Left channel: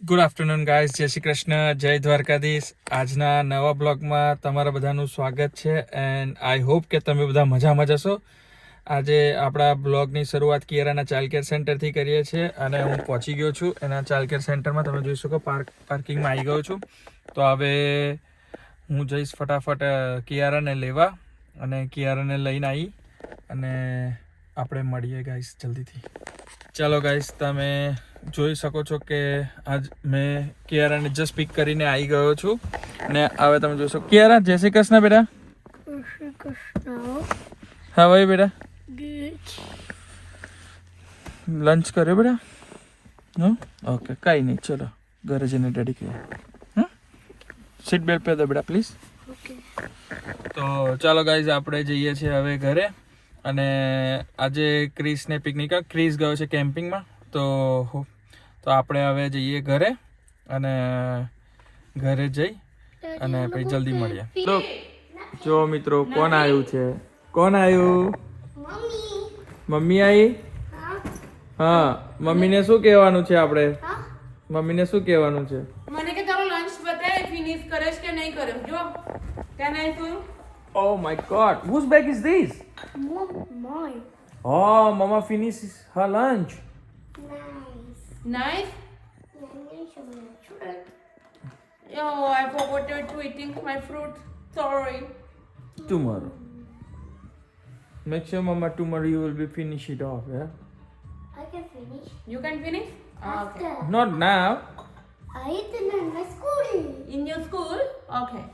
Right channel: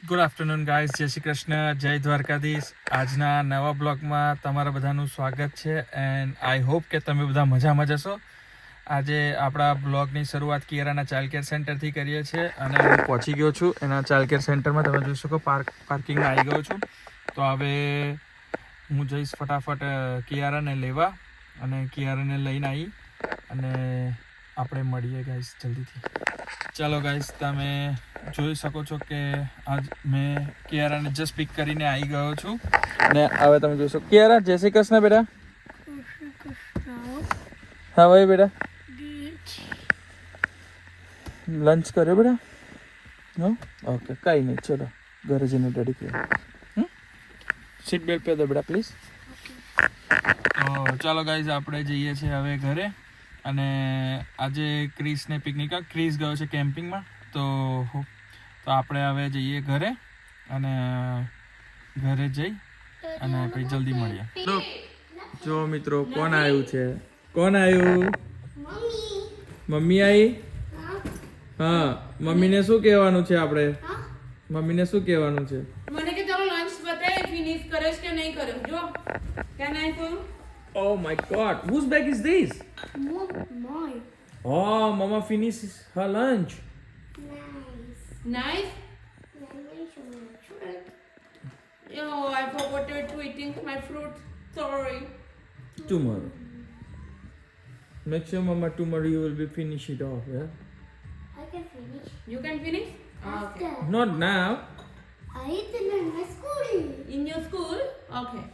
Good afternoon guys, જય શ્રી કૃષ્ણ, જય દ્વારકાધીશ. આજના નવા બ્લોગમાં તમારા બધાનું સ્વાગત છે એન્ડ આઈ હોપ કે તમે બધા મજામાં જશો. આજે આપણા બ્લોગની શરૂઆત કિયારાના ચાઇલ્ડ કેર સેન્ટરથી કરીએ છીએ અને હું પહોંચી ગયો છું એના ચાઇલ્ડ કેર સેન્ટરમાં. તમે જોઈ શકો પાર્કિંગમાં આવી ગયો છું. તો હવે હું જઈશ ફટાફટ કિયારાને લેવા અને કિયારાને લઈને આવી અને આપણે મળીએ ગાઈઝ જલ્દીથી. ચાલો ગાઈઝ, તમે જોઈ શકો છો કે આજ મેં કિયારાને જસ્ટ પિક કરીને આવી ગયો છું ને હવે તમે જોશો. કિયારા, જય શ્રી કૃષ્ણ બેટા. હા ભાઈ બેટા, લંચ કર્યો બેટા? હા ઓકે, કાંઈ નહીં, ચલો ઘરે જઈને રેડી કર્યો. હા, સીટ બેલ્ટ પહેર દો બેટા પ્લીઝ. તો ચાલો ગાઈઝ, આપણે જઈએ છીએ હવે ઘરે. અને આજે ક્રિસને પિકનિક, ક્રિસ ગયો છે કેમ્પિંગમાં, તો આપણે હવે જઈએ ઘરે અને ઘરે જઈ અને પછી જલ્દી મળીએ. તો જો મિત્રો, કોણ આવ્યું છે? કોણ આવ્યું? મમ્મી આવી? હા, મમ્મીને શું કહેવાનું છે આપણે? મમ્મીને શું કહેવાનું છે? મને કે તારો લંચ બતાય, ફિનિશ કરેશ કે નહીં કર્યો? જો can I phone. Oh my god, whose bag is this? Mine. Oh, mama finished her lunch. Nice. Oh, I forgot to eating my fruit. Sorry. Tomorrow. Make sure mama tomorrow you will be finish it off, yeah? I can finish. You can finish? After. Okay. Not now. I eat it in my school. In your school? Okay.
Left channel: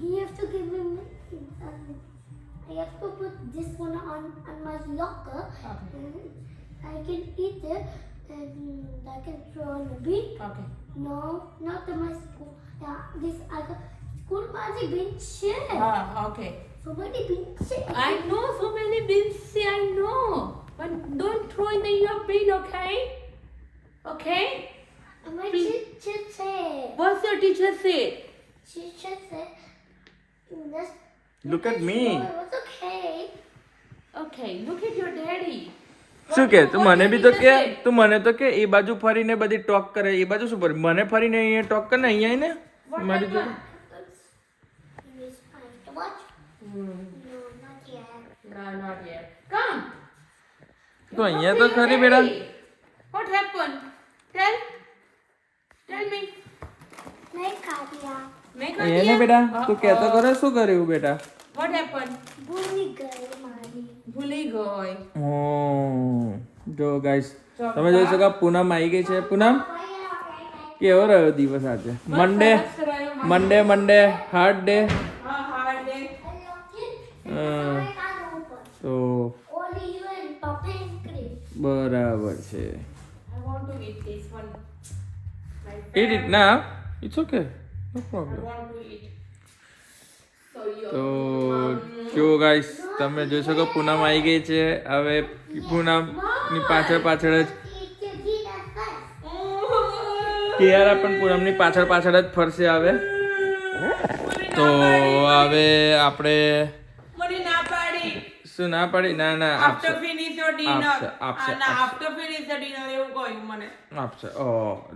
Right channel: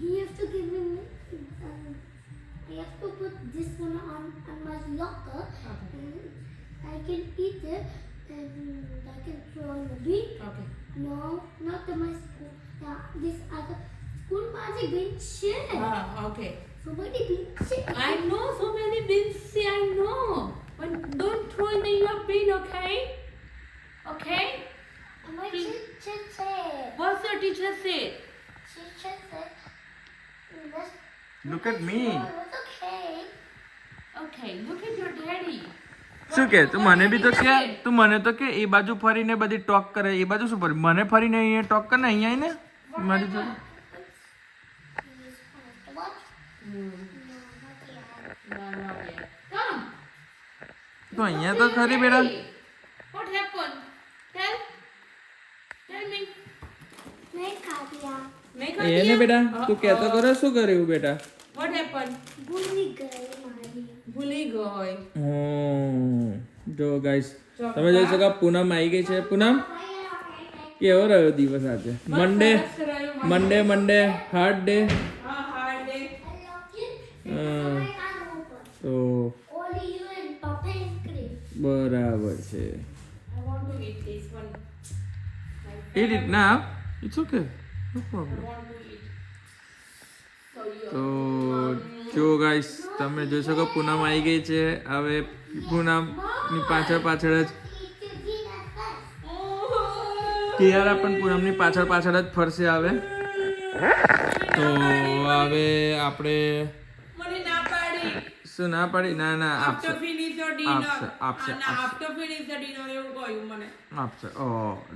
You have to give me. I have to put this one on my locker. Okay. And I can eat it and I can throw on the beach. Okay. No, not in my school. Yeah, this I got school magic benches. Okay. So many benches. I know so many bins. I know. But don't throw in your bin, okay? Okay? And my Please. teacher said. What's your teacher said? Teacher said. Let's Look at me. it was okay. Okay, look at your daddy. શું કે તું મને બી તો કે teacher said? તું મને તો કે એ બાજુ ફરીને બધી ટોક કરે, એ બાજુ શું ફરી મને ફરીને અહીંયા ટોક કરે ને અહીંયા આવીને મારી જોડે. Yes, I have to watch. No, not yet. No, not yet. Come. તો અહીંયા તો ખરી બેટા. What happened? Tell me. नहीं खा दिया मैं એને બેટા તું કહેતો કરે શું કર્યું બેટા? What happened? भूल गए मारी ભૂલી ગઈ. જો ગાઈસ, તમે જોઈ શકો પૂનમ આવી ગઈ છે. પૂનમ, કેવો રહ્યો દિવસ આજે? મંડે હાર્ડ ડે. હા, hard day. તો only you and Papa and Chris. બરાબર છે. I want to eat this one. Eat it now. It's okay. No problem. I want to eat. So you. તો જો ગાઈસ, તમે જોઈ શકો પૂનમ આવી ગઈ છે. હવે પૂનમની પાછળ જ Eat your dinner first. Kiara પણ પૂનમની પાછળ જ ફરશે. હવે તો હવે આપણે મને ના પાડી. શું ના પાડી? ના After આપશે finish your dinner. આપશે. After finish the dinner એવું કહ્યું મને. આપશે.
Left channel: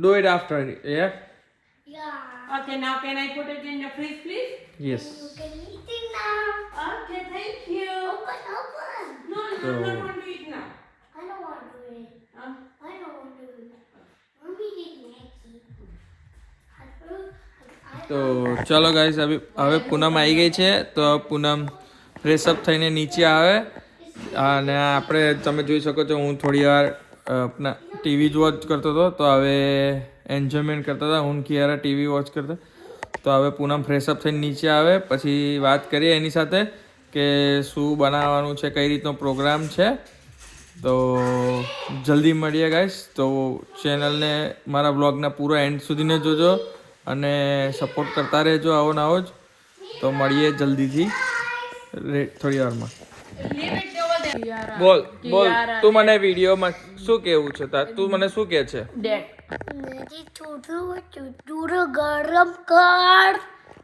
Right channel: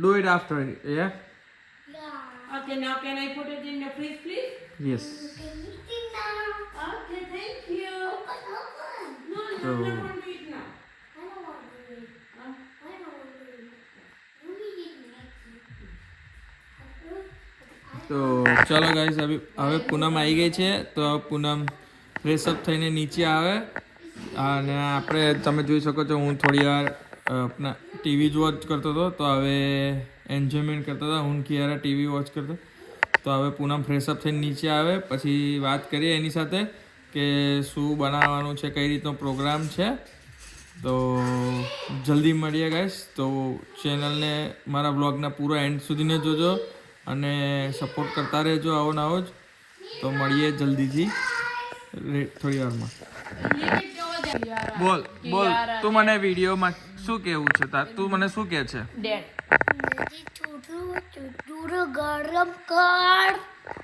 Do it after. Yeah. Okay, now can I put it in the fridge, please? Yes. You can eat it now. Okay, thank you. Open. No, So- I don't want to eat now. I don't want to eat. Huh? I don't want to eat. Mommy eat Maggie. તો ચાલો guys, હવે પૂનમ આવી ગઈ છે. તો પૂનમ fresh up થઈને નીચે આવે અને આપણે, તમે જોઈ શકો છો, હું થોડી વાર આપણા ટીવી વોચ કરતો હતો. તો હવે એન્જોયમેન્ટ કરતા હતા હું કિયારા, ટીવી વોચ કરતા. તો હવે પૂનમ ફ્રેશઅપ થઈને નીચે આવે પછી વાત કરીએ એની સાથે કે શું બનાવવાનું છે, કઈ રીતનો પ્રોગ્રામ છે. તો જલ્દી મળીએ ગાઈસ. તો ચેનલને, મારા બ્લોગના પૂરો એન્ડ સુધીને જોજો અને સપોર્ટ કરતા રહેજો આવો ને આવો જ. તો મળીએ જલ્દીથી થોડી વારમાં. Leave it over there. બોલ તું મને વિડીયોમાં શું કહેવું છે? તું મને શું કહે છે? Dead. मेरी छोटू गरम कर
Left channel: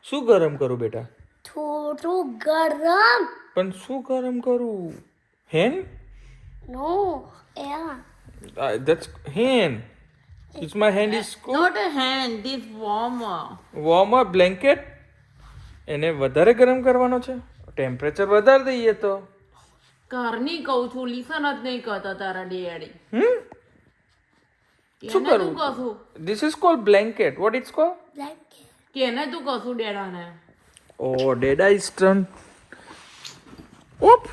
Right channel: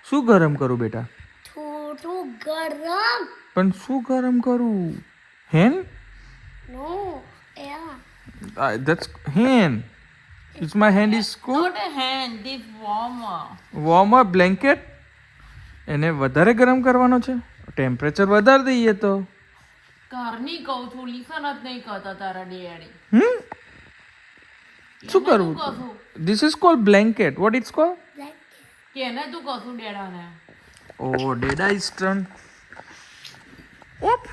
શું ગરમ કરું બેટા? छोटू गरम પણ શું ગરમ કરું? હેન? No, air. That's hen. It's my hand is cold. Not a hand, this warmer. Warmer blanket. એને વધારે ગરમ કરવાનો છે. ટેમ્પરેચર વધારે દઈએ તો. ઘરની કહું છું, લિસન જ નહીં કરતા તારા ડેડી. શું કેને તું કરવું? કશું? This is called blanket. What it's called? Blanket. કેને તું કશું ડેડાને? Oh, Dada is turn. Oop.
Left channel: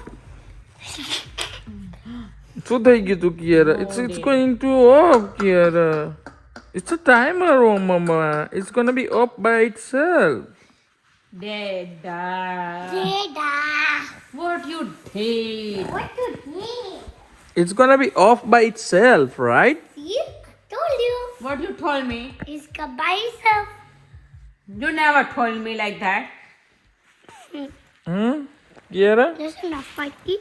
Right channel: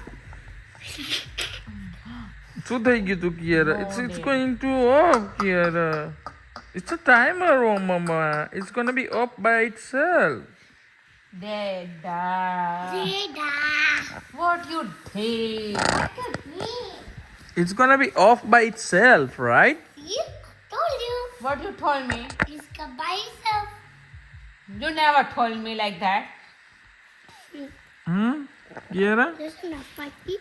શું થઈ ગયું તું Kiara? It's going to off Kiara. It's a timer, oh mama. It's gonna be off by itself. ડેડા. Dada. What you did? What you mean? It's gonna be off by itself, right? See? Told you. What you told me? It's by itself. You never told me like that. Kiara? This is not spiky.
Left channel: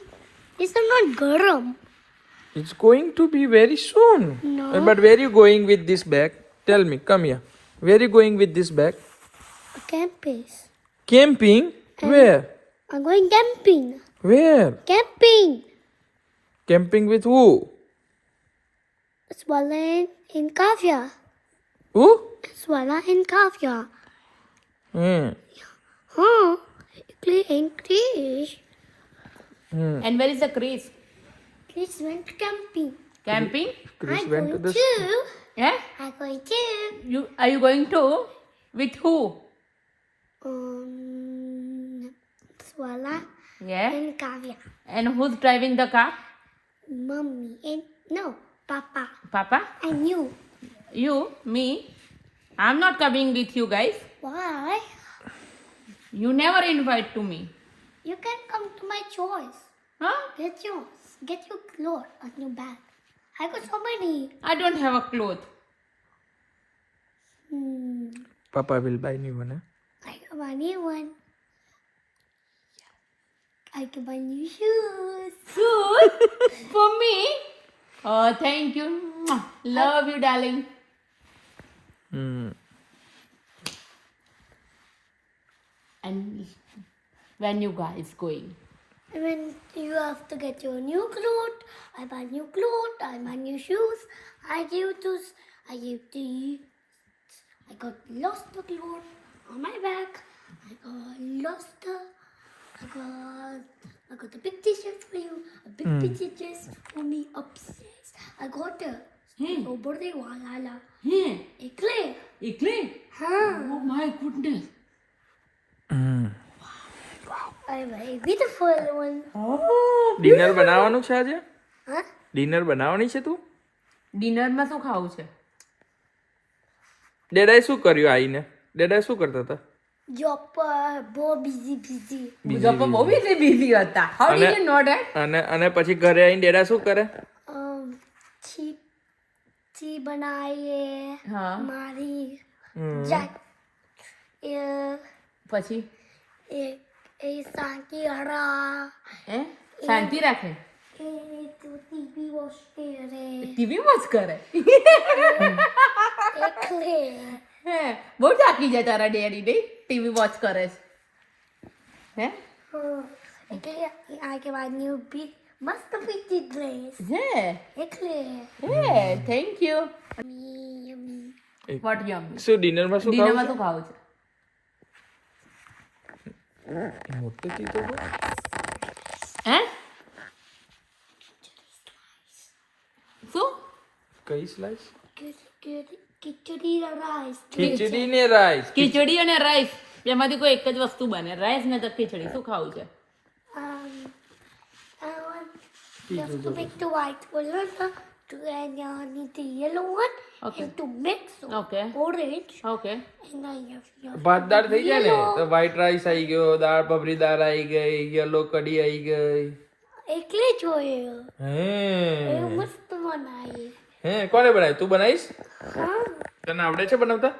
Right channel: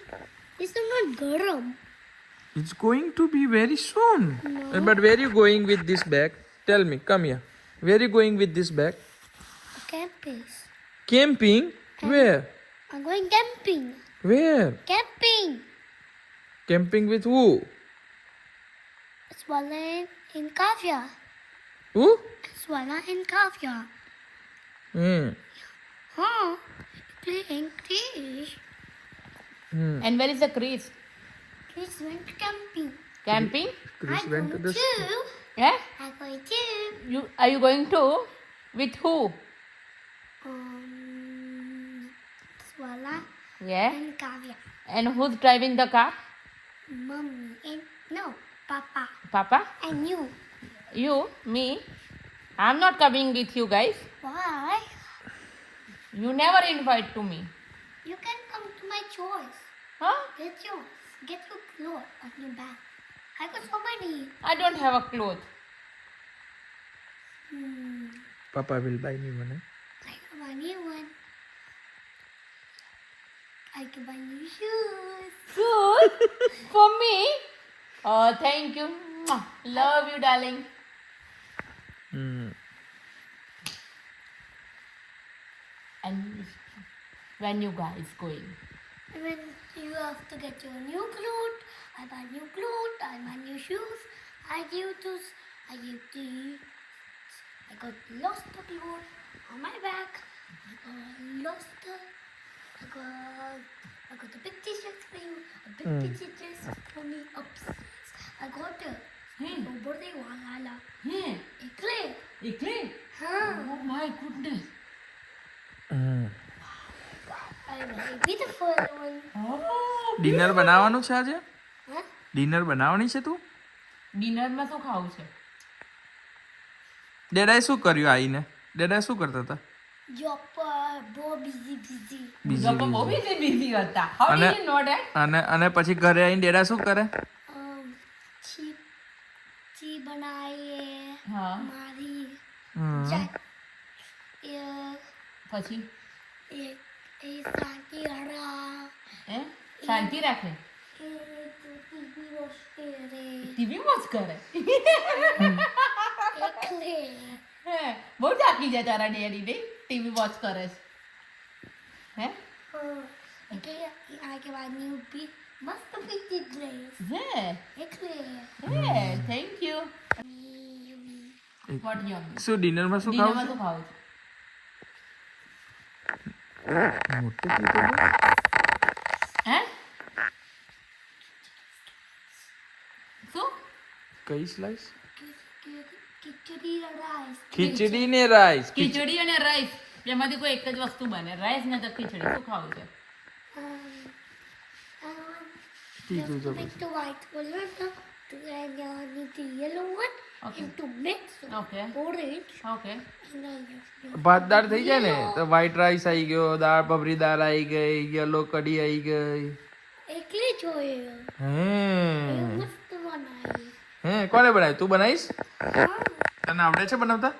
This is not garam. It's going to be very soon. No. But where you going with this bag? Tell me, come here. Where you going with this bag? Campus. Camping? Where? I'm going camping. Where? Camping. Camping with who? Swallow in Kavya. Who? Swallow in Kavya. Huh? Play English. And where is the Chris? Chris went camping. Camping? Chris I'm went to going the to. Yeah? I'm going to. Are you going to? With who? Swallow Yeah. and Kavya. And who's driving the car? Mommy and no, Papa Papa? and you. You? Me? I'm not coming with you guys. Why? You never invite to me. You can come to my choice. Huh? Get yours. Get your clothes on your back. I got so many. I don't have a cloth. Papa will buy me one. I can buy new one. I can buy new shoes. Shoes? For me? Oh, thank you. Mwah. Love you, darling. And when you guys going? When you have to get your new clothes, I buy new clothes, I buy new shoes. I give to you. I got lost the clothes on my back. I got the big t-shirts for you, a big t-shirts for me upstairs. I got a birthday wala. Hmm. Eclair. Eclair? Huh. Oh my goodness. I'm a beautiful one. Oh. Dinner બનાવવાનું છે આજે? Huh? Dinner બનાવવાની છે તું? ડિનરમાં શું ખાવું છે? ડેડાએ શું કર્યું આઈને? ડેડાએ શું કરતા હતા? Job, busy. બીજા પણ બહુ busy હતા. How did you know that? અને પછી ઘરે આવીને ડેડા શું કરે? ची बनाए હા. मारी હમ. जाट પછી शांति हरा હે શાંતિ રાખે टीवी वॉश करे ટીવી વોચ કરે एकले હે બહુ થાકી જાય તારા ડેડી નહીં ટીવી વોચ કરે છે હે एकले आगे बाद न्यू भी मस्त पीती ड्रेस હે एकले હે થેન્ક યુ વોટ યમ શું ડિનરમાં શું ખાવું ડિનરમાં છે? શું ખાવું છે મોટું કીધું તો. હે શું કઈ સ્લાઈસ? खिचड़ी राइस ખીચડી ને રાઈસ. ખીચડી અને રાઈસ એમાંથી કોઈ એક જ વસ્તુ બને રાઈસ ને તો ખીચડી શું ખાવું છે I want just to make the white one and the yellow one Okay. and to mix Okay. orange okay and I have ભાત દાળ થઈ જાય ને તો વ્હાઈટ રાઈસ આવી ગયો, દાળ બબરી દાળ આવી ગઈ, યલો કઢી આવી ગઈ. એકલે જોઈએ હે એ મસ્ત બનાવી હે કોને બનાવી? તું બનાવીશ? તને આવડે છે બનાવતા?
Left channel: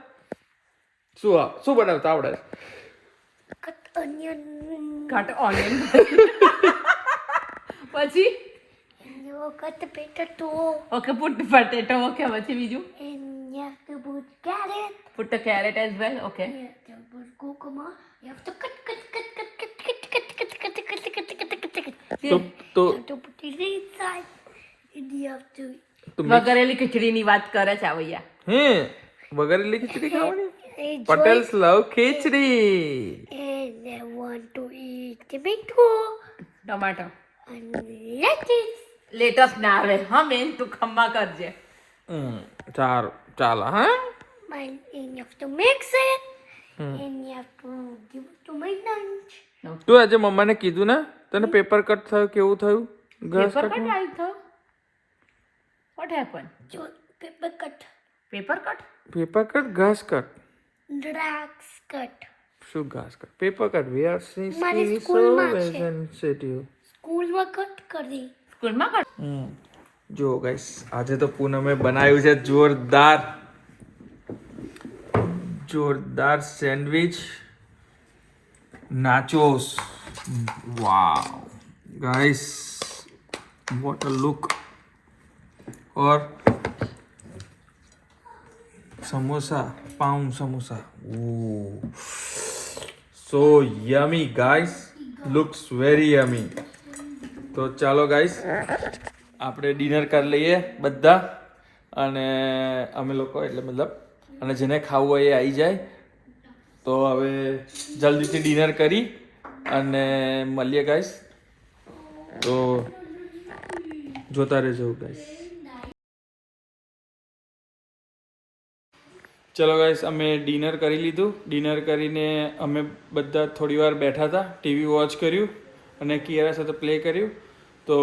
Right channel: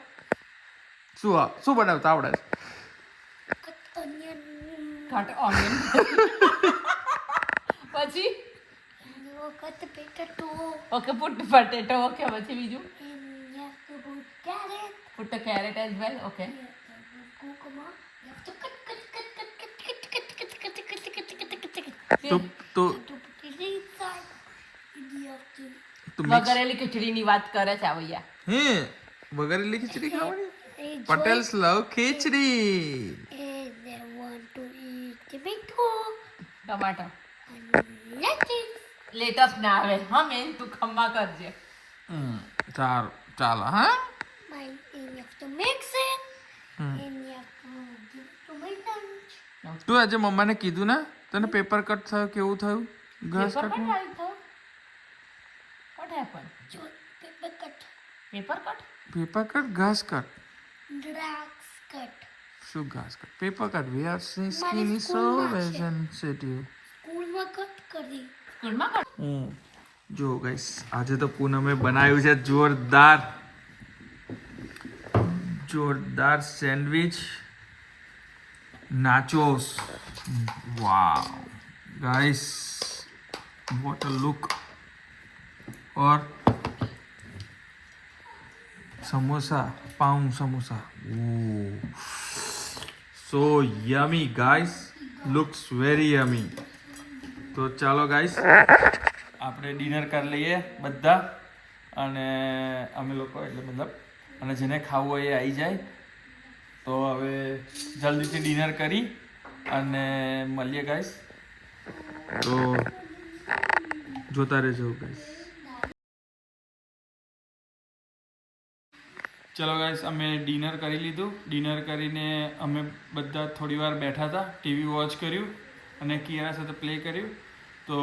શું બનાવતા આવડે છે? કટ ઓનિયન કટ ઓનિયન પછી cut potato okay put potato okay પછી બીજું and you have to put carrot put carrot as well okay you have to put cucumber you have to cut તો તો you have to put it inside and you have to તો mix વઘારેલી ખીચડીની વાત કરે છે આ ભૈયા હે વઘારેલી ખીચડી ખાવાની Enjoy. Patels love khichdi And I want to eat tomato tomato and lettuce. Lettuce ના આવે હા મેન તું ખમ્મા કરજે સારું ચાલો હા And you have to mix it. And you have to give it to my lunch. તું આજે મમ્માને કીધું ને તને પેપર કટ થયું કેવું થયું ઘાસ પેપર કટ કટ આવી થયો what happen So paper cut, paper cut paper cut ઘાસ કટ drugs cut. શું ઘાસ cut paper cut we are મારી સ્કીની સો સ્કૂલમાં છે. સેન્સિટિવ School work cut કરી. સ્કૂલમાં કટ જો ગાઈસ આજે તો પૂનમે બનાવ્યું છે જોરદાર sandwich nachos wow guys what a look और samosa pav samosa so yummy guys looks very yummy તો ચાલો ગાઈસ આપણે ડિનર કરી લઈએ બધા અને અમે લોકો એટલે મતલબ અને જેને ખાવું હોય એ આવી જાય તો હવે જલ્દીથી ડિનર કરી અને મળીએ ગાઈસ તો જોતા રહેજો ગાઈસ ચલો ગાઈસ અમે ડિનર કરી લીધું ડિનર કરીને અમે બધા થોડી વાર બેઠા હતા ટીવી વોચ કર્યું અને કિયારા સાથે પ્લે કર્યું તો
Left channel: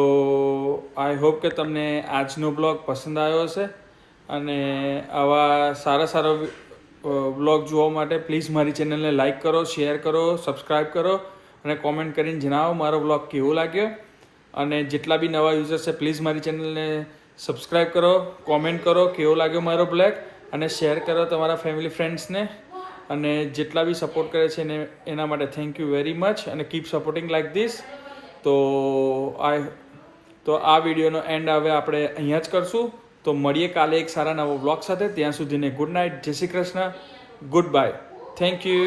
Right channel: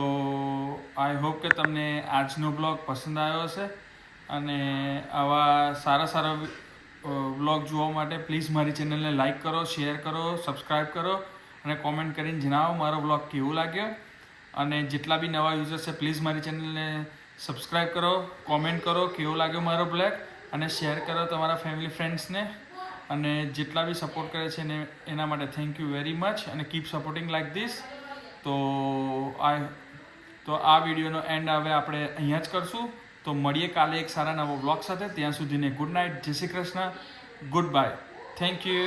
આઈ હોપ કે તમને આજનો બ્લોગ પસંદ આવ્યો હશે અને આવા સારા બ્લોગ જોવા માટે પ્લીઝ મારી ચેનલને લાઈક કરો શેર કરો સબસ્ક્રાઈબ કરો અને કોમેન્ટ કરીને જણાવો મારો બ્લોગ કેવો લાગ્યો અને જેટલા બી નવા યુઝર્સ છે પ્લીઝ મારી ચેનલને સબસ્ક્રાઈબ કરો કોમેન્ટ કરો કેવો લાગ્યો મારો બ્લોગ અને શેર કરો તમારા ફેમિલી ફ્રેન્ડ્સને અને જેટલા બી સપોર્ટ કરે છે એના માટે થેન્ક યુ વેરી મચ અને કીપ સપોર્ટિંગ લાઈક ધીસ તો આ વિડીયોનો એન્ડ હવે આપણે અહીંયા જ કરશું તો મળીએ કાલે એક સારા નવો બ્લોગ સાથે ત્યાં સુધીને ગુડ નાઇટ જય Shri Krishna good bye thank you